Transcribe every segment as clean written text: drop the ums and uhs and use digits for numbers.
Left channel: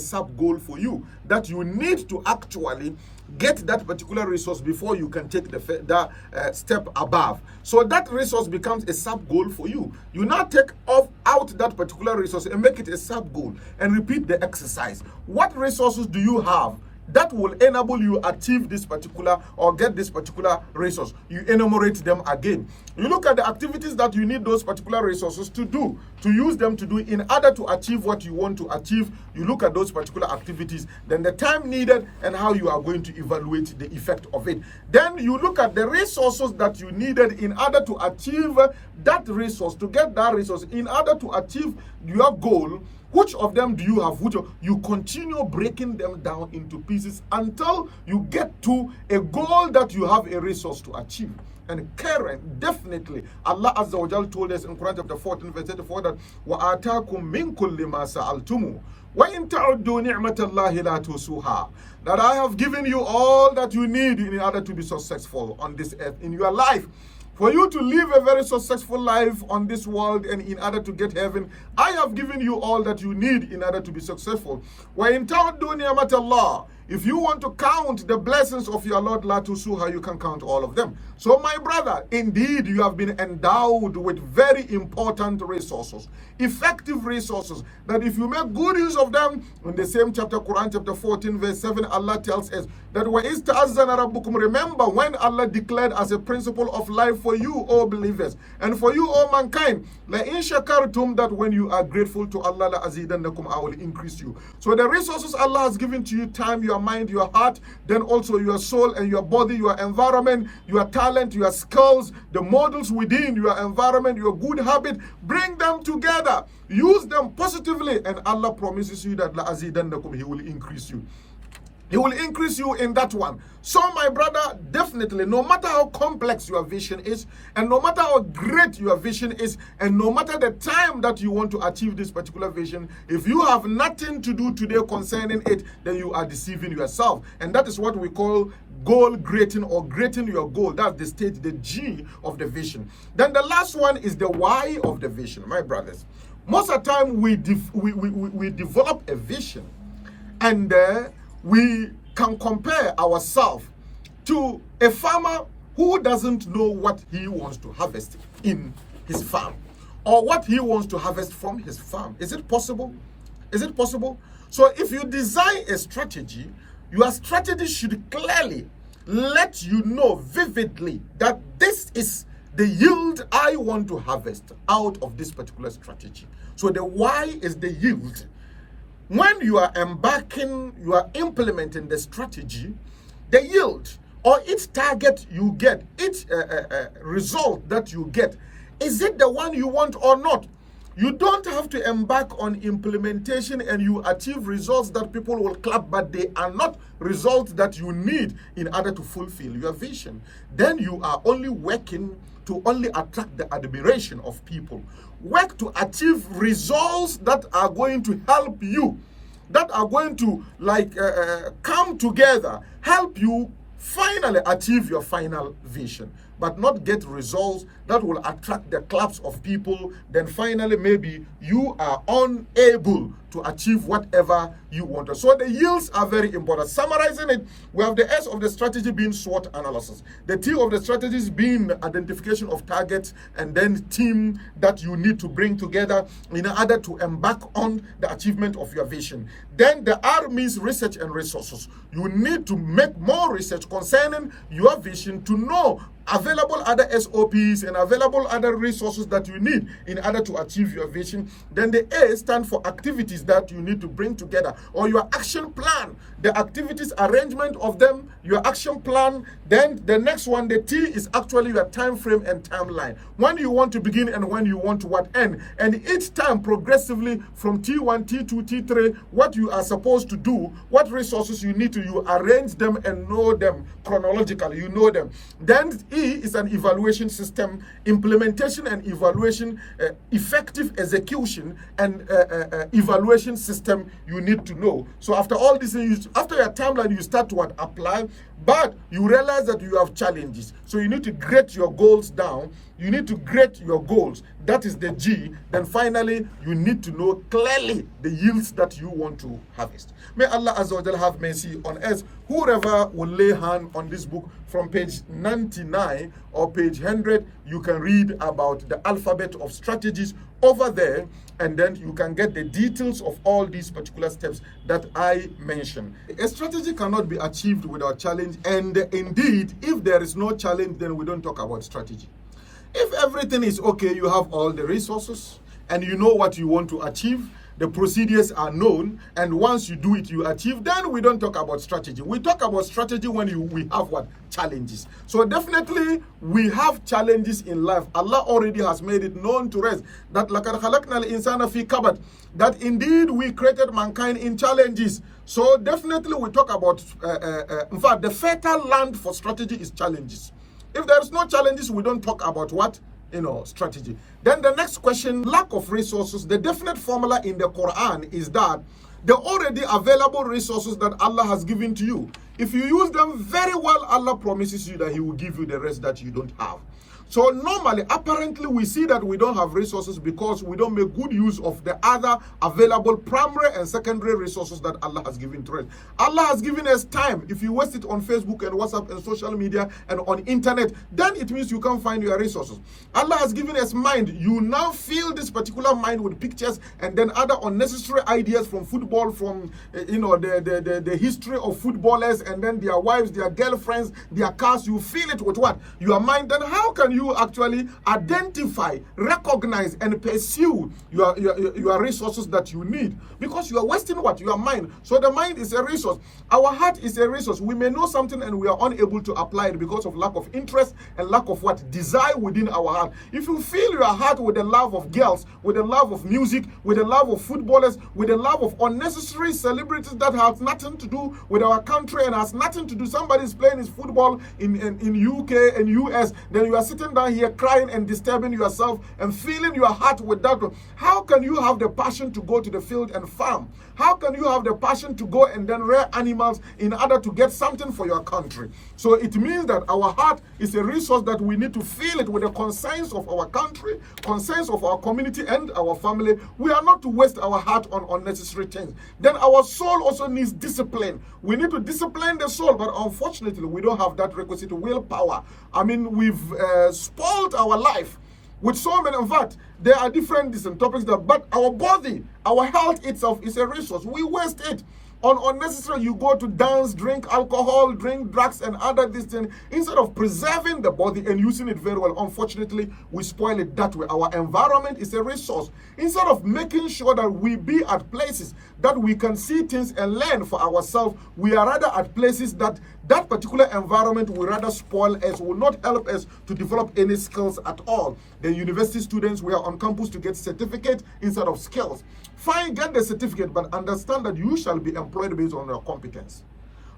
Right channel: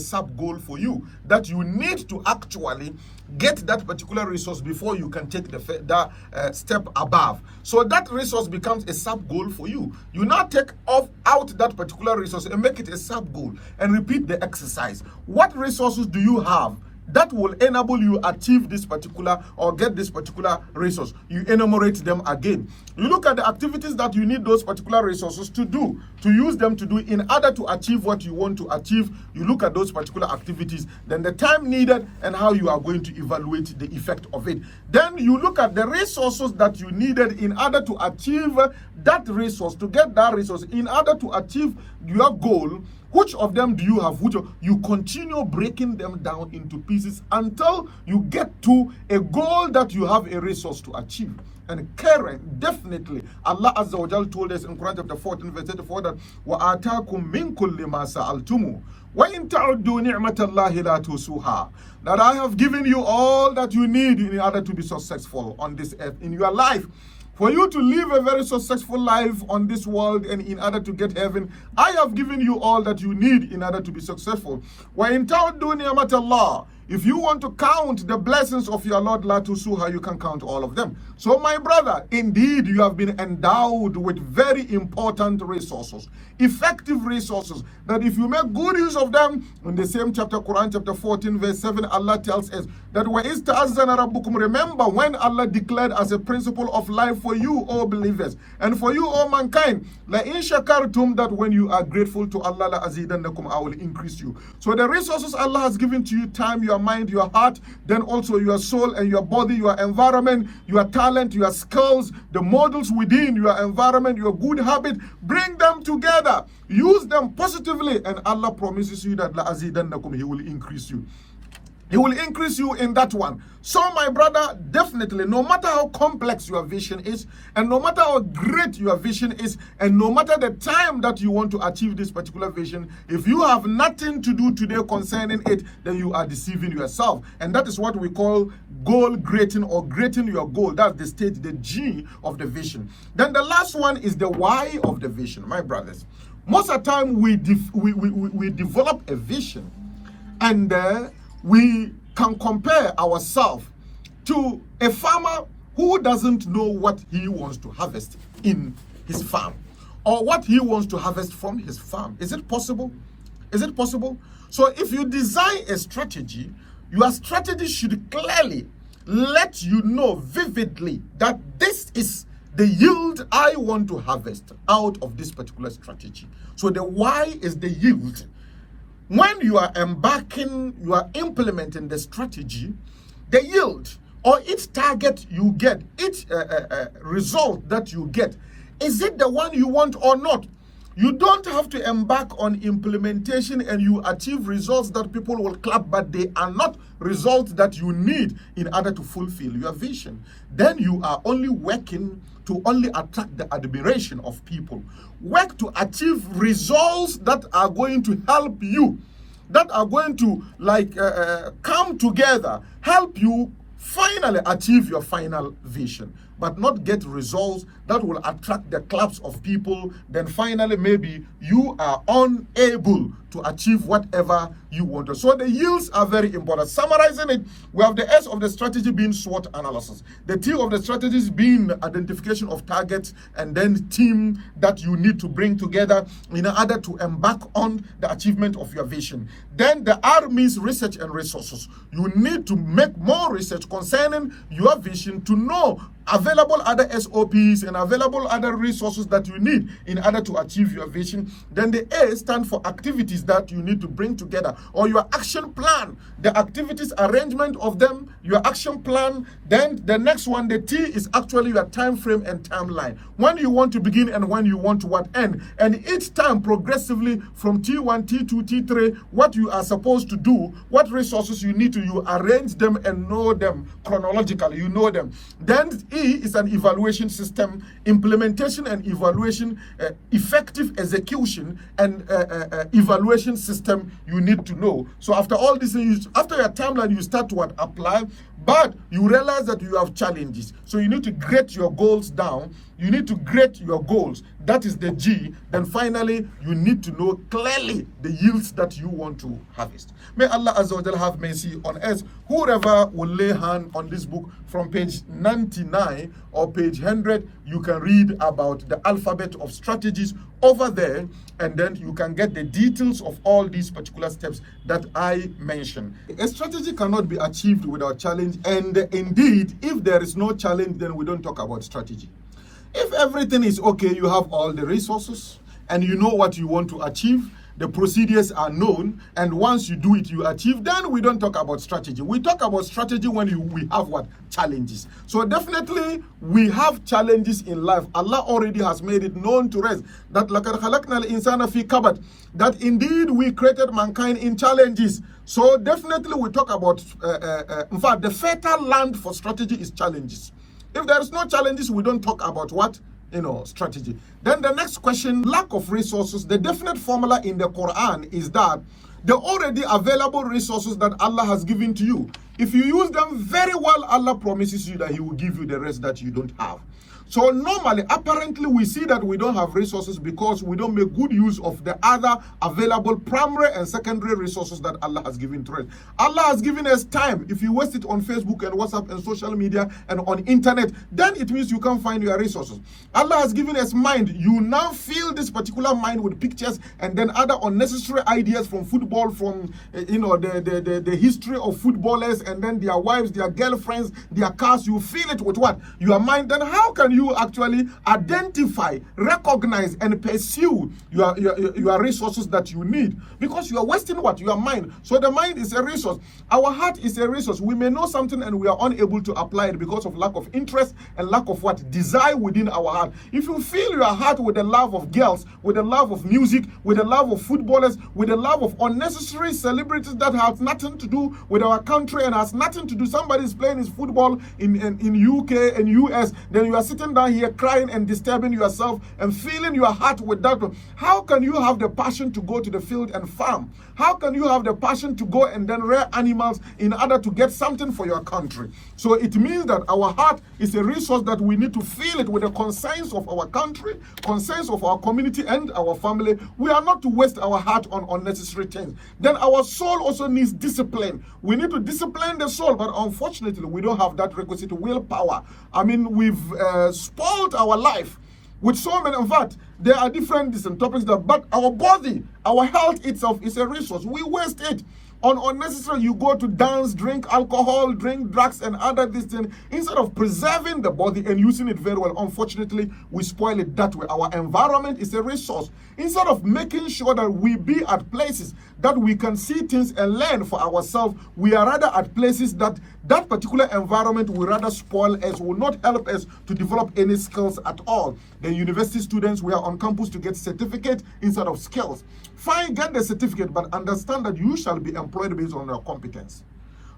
sub goal for you that you need to actually get that particular resource before you can take the step above. So that resource becomes a sub goal for you. You now take out that particular resource and make it a sub goal and repeat the exercise. What resources do you have that will enable you achieve this particular or get this particular resource? You enumerate them again. You look at the activities that you need those particular resources to do, to use them to do in order to achieve what you want to achieve. You look at those particular activities, then the time needed and how you are going to evaluate the effect of it. Then you look at the resources that you needed in order to achieve that resource, to get that resource, in order to achieve your goal. Which of them do you have? You continue breaking them down into pieces until you get to a goal that you have a resource to achieve. And Karen, definitely, Allah Azza wa Jal told us in Quran chapter 14, verse 34 that وَآتَاكُم مِّن كُلِّ مَا سَأَلْتُمُ وَإِن تَعُدُّوا نِعْمَةَ اللَّهِ لَا تُحْصُوهَا. That I have given you all that you need in order to be successful on this earth, in your life. For you to live a very successful life on this world and in order to get heaven, I have given you all that you need in order to be successful. وَإِن تَعُدُّوا نِعْمَةَ اللَّهِ. If you want to count the blessings of your Lord, la tusuha, you can count all of them. So my brother, indeed, you have been endowed with very important resources, effective resources, that if you make good use of them, in the same chapter, Quran chapter 14, verse 7, Allah tells us that وَإِذْ تَعَزَّنَ رَبُّكُمْ. Remember when Allah declared as a principle of life for you, O believers, and for you, O mankind, لَإِن شَكَرْتُمْ, that when you are grateful to Allah, لَأَزِيدَنَّكُمْ, I will increase you. So the resources Allah has given to you, time, your mind, your heart, then also your soul and your body, your environment, your talent, your skills, the models within your environment, your good habit, bring them together, use them positively, and Allah promises you that لَأَزِيدَنَّكُمْ, He will increase you. He will increase you in that one. So my brother, definitely, no matter how complex your vision is, and no matter how great your vision is, and no matter the time that you want to achieve this particular vision, if you have nothing to do today concerning it, then you are deceiving yourself. And that is what we call goal grating, or grating your goal. That's the stage, the G of the vision. Then the last one is the Y of the vision, my brothers. Most of the time we develop a vision, and we can compare ourselves to a farmer who doesn't know what he wants to harvest in his farm, or what he wants to harvest from his farm. Is it possible? Is it possible? So if you design a strategy, your strategy should clearly let you know vividly that this is the yield I want to harvest out of this particular strategy. So the Y is the yield. When you are embarking, you are implementing the strategy, the yield or each target you get, each result that you get, is it the one you want or not? You don't have to embark on implementation and you achieve results that people will clap, but they are not results that you need in order to fulfill your vision. Then you are only working to only attract the admiration of people. Work to achieve results that are going to help you, that are going to come together, help you finally achieve your final vision, but not get results that will attract the claps of people. Then finally, maybe you are unable to achieve whatever you want. So the yields are very important. Summarizing it, we have the S of the strategy being SWOT analysis. The T of the strategies being identification of targets, and then team that you need to bring together in order to embark on the achievement of your vision. Then the R means research and resources. You need to make more research concerning your vision to know available other SOPs and available other resources that you need in order to achieve your vision. Then the A stands for activities that you need to bring together, or your action plan, the activities, arrangement of them, your action plan. Then the next one, the T, is actually your time frame and timeline, when you want to begin and when you want to end. And each time progressively from T1, T2, T3, what you are supposed to do, what resources you need to, you arrange them and know them chronologically, you know them. Then E is an evaluation system, implementation and evaluation, effective execution and evaluation system you need to know. So after all this, after your timeline, you start to apply, but you realize that you have challenges. So you need to grade your goals down. You need to grade your goals. That is the G. Then finally, you need to know clearly the yields that you want to harvest. May Allah Azza wa Jalla have mercy on us. Whoever will lay hand on this book from page 99 or page 100, you can read about the alphabet of strategies over there, and then you can get the details of all these particular steps that I mentioned. A strategy cannot be achieved without challenge, and indeed, if there is no challenge, then we don't talk about strategy. If everything is okay, you have all the resources, and you know what you want to achieve, the procedures are known, and once you do it, you achieve, then we don't talk about strategy. We talk about strategy when we have what? Challenges. So definitely, we have challenges in life. Allah already has made it known to us that لَقَدْ خَلَقْنَا الْإِنسَانَ فِي كَبَدٍ, that indeed we created mankind in challenges. So definitely we talk about, in fact, the fertile land for strategy is challenges. If there is no challenges, we don't talk about what? Strategy. Then the next question, lack of resources. The definite formula in the Quran is that the already available resources that Allah has given to you, if you use them very well, Allah promises you that He will give you the rest that you don't have. So normally, apparently, we see that we don't have resources because we don't make good use of the other available primary and secondary resources that Allah has given to us. Allah has given us time. If you waste it on Facebook and WhatsApp and social media and on internet, then it means you can't find your resources. Allah has given us mind. You now fill this particular mind with pictures and then other unnecessary ideas from football, from the history of footballers and then their wives, their girlfriends, their cars. You fill it with what? Your mind. Then how can you actually identify, recognize, and pursue your resources that you need? Because you are wasting what? Your mind. So the mind is a resource. Our heart is a resource. We may know something and we are unable to apply it because of lack of interest and lack of what? Desire within our heart. If you fill your heart with the love of girls, with the love of music, with the love of footballers, with the love of unnecessary celebrities that has nothing to do with our country and has nothing to do, somebody's playing his football in UK and US, then you are sitting down here crying and disturbing yourself and filling your heart with that. How can you have the passion to go to the field and farm? How can you have the passion to go and then rear animals in order to get something for your country? So it means that our heart is a resource that we need to fill it with the concerns of our country, concerns of our community and our family. We are not to waste our heart on unnecessary things. Then our soul also needs discipline. We need to discipline the soul, but unfortunately we don't have that requisite willpower. I mean, we've spoiled our life with so many. In fact, there are different topics but our body, our health itself is a resource. We waste it on unnecessary. You go to dance, drink alcohol, drink drugs and other these things instead of preserving the body and using it very well. Unfortunately, we spoil it that way. Our environment is a resource. Instead of making sure that we be at places that we can see things and learn for ourselves, we are rather at places that particular environment will rather spoil us, will not help us to develop any skills at all. The university students, we are on campus to get certificate instead of skills. Fine, get the certificate, but understand that you shall be employed based on your competence.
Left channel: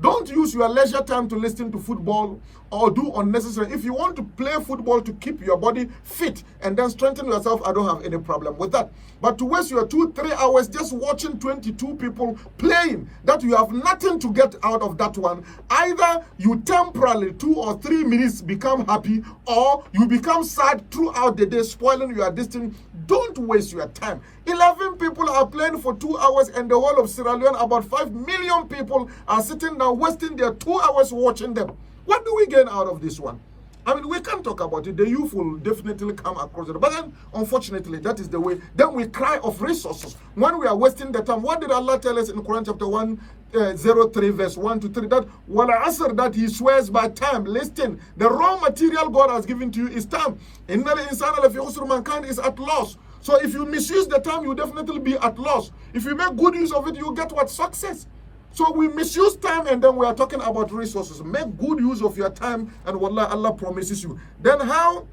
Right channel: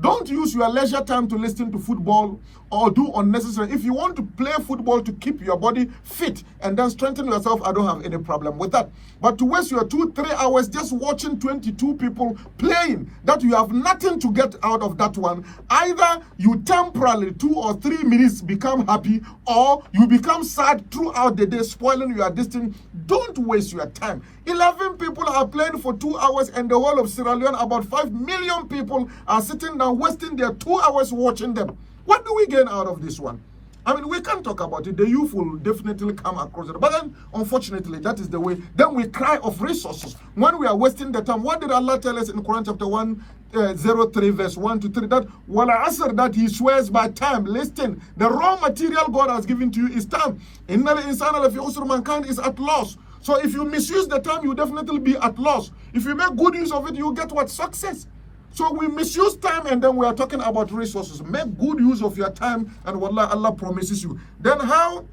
Don't use your leisure time to listen to football or do unnecessary. If you want to play football to keep your body fit and then strengthen yourself, I don't have any problem with that. But to waste your 2-3 hours just watching 22 people playing, that you have nothing to get out of that one, either you temporarily 2 or 3 minutes become happy, or you become sad throughout the day, spoiling your destiny. Don't waste your time. 11 people are playing for 2 hours and the whole of Sierra Leone, about 5 million people are sitting down wasting their 2 hours watching them. What do we gain out of this one? I mean, we can't talk about it. The youth will definitely come across it. But then, unfortunately, that is the way. Then we cry of resources. When we are wasting the time, what did Allah tell us in Quran chapter 103 verse 1 to 3? That wala asr, that He swears by time. Listen, the raw material God has given to you is time. Innal insana lafi khusr, mankind is at loss. So if you misuse the time, you definitely be at loss. If you make good use of it, you get what? Success. So we misuse time and then we are talking about resources. Make good use of your time and wallah, Allah promises you. Then how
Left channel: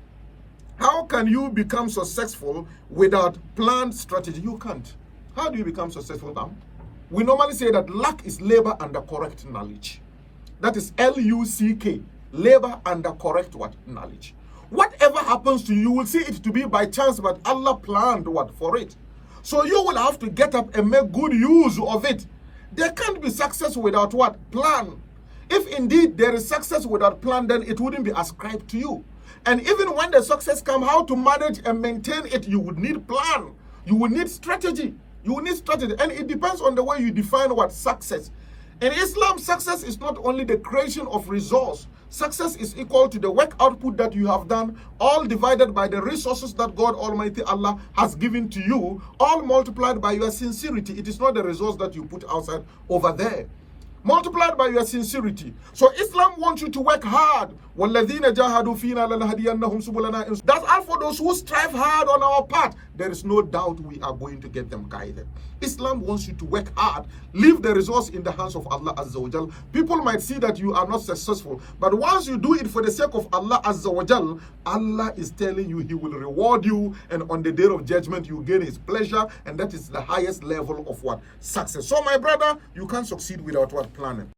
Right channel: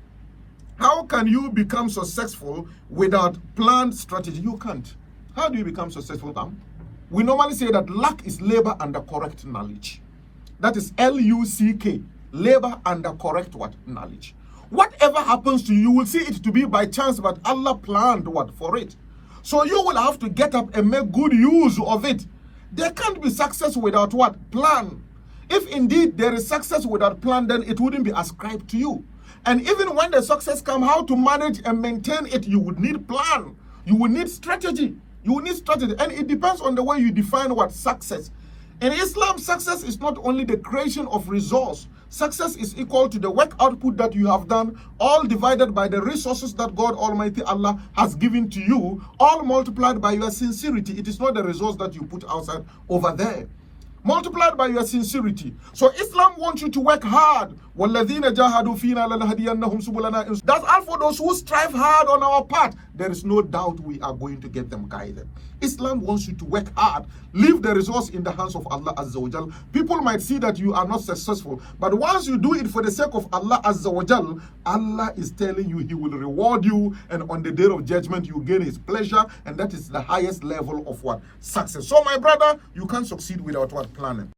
can you become successful without planned strategy? You can't. How do you become successful now? We normally say that luck is labor under correct knowledge. That is L-U-C-K. Labor under correct what? Knowledge. Whatever happens to you, you will see it to be by chance, but Allah planned what? For it. So you will have to get up and make good use of it. There can't be success without what? Plan. If indeed there is success without plan, then it wouldn't be ascribed to you. And even when the success comes, how to manage and maintain it, you would need plan. You will need strategy. You will need strategy. And it depends on the way you define what success. In Islam, success is not only the creation of resource. Success is equal to the work output that you have done, all divided by the resources that God Almighty Allah has given to you, all multiplied by your sincerity. It is not the resource that you put outside over there. Multiplied by your sincerity. So Islam wants you to work hard. That's all for those who strive hard on our path. There is no doubt we are going to get them guided. Islam wants you to work hard. Leave the resource in the hands of Allah Azza wa Jal. People might see that you are not successful, but once you do it for the sake of Allah Azza wa Jal, Allah is telling you He will reward you, and on the day of judgment you gain His pleasure, and that is the highest level of what? Success. So my brother, you can't succeed without what? Planning.